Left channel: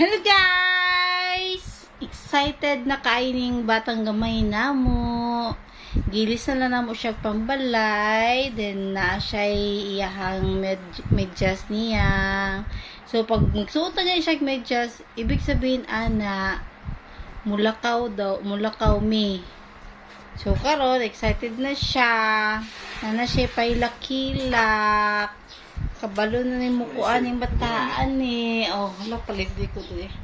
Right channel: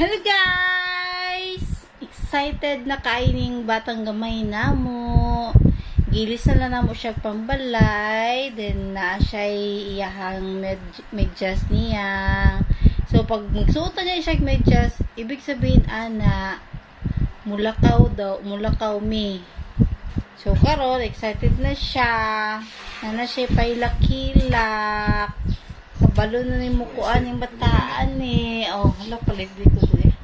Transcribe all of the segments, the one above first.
Hello guys! Excited na kaining batang gamay na mo. Gilis na lang na mo siya pambalay. Then na siya iyahang med medyas niya. So pag magsuot niya siya medyas, ibig sabihin ana mulakaw daw, mulakaw me. So karon excited na siya. Na na siya pailakilak. Kabalo na ni mukuan yung bataan ni. Oh, hala paligdi ko dun eh.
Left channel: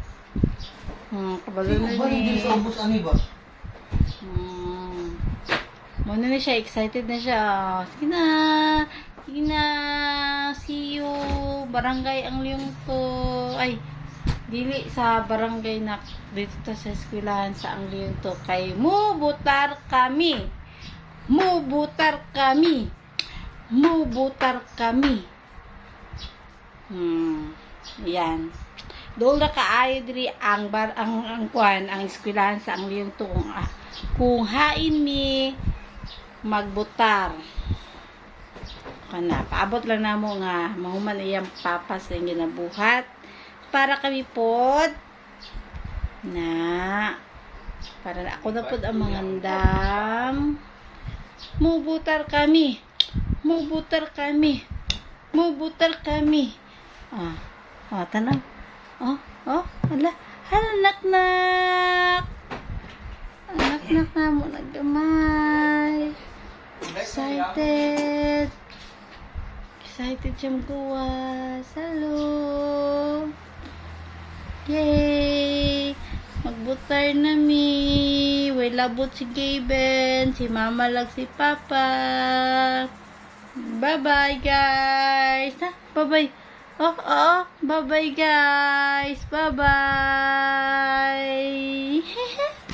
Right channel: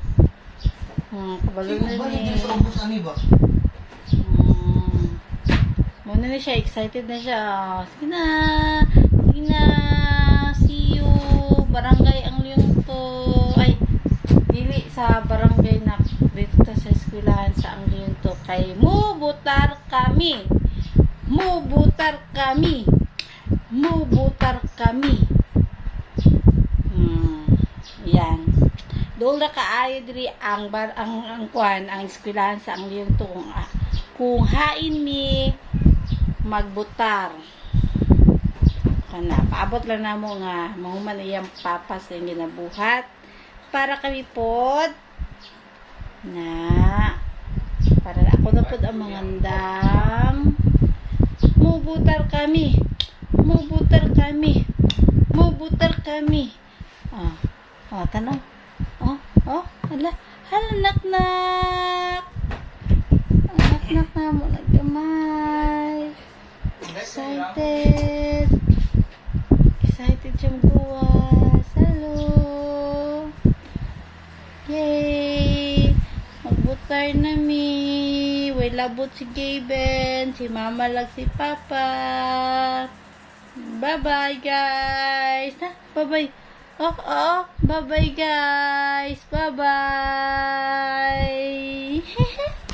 Hmm, kabalo na ni. Hmm. Muna na siya, excited na siya. Sige na. Sige na. See you. Barangay ang liyong to. Ay, dili sa barangay na dito ta sa eskwelahan sa ang liyong to. Kay mubutar kami. Mubutar kami. Mubutar kami. Hmm. Yan. Doon na kaayo diri ang bar ang ang kwan ang eskwelahan sa ang liyong to kung, ah, kung hain mi magbutar. Kana paabot lang namo nga mahuman iyang papas ang ginabuhat. Para kami pod na para ako na pod ang mangandam mubutar kami. Mubutar kami. Mubutar kami ah. Oh tanang oh oh hala hala nak nak. Anak nak na mo naggamay excited. Excited siyang gawas hello yay. Magbutar na mi. Way labot si Gaben si mama lang si papa. Bye bye guys. Ha bye bye oh oh bye bye guys. Bye bye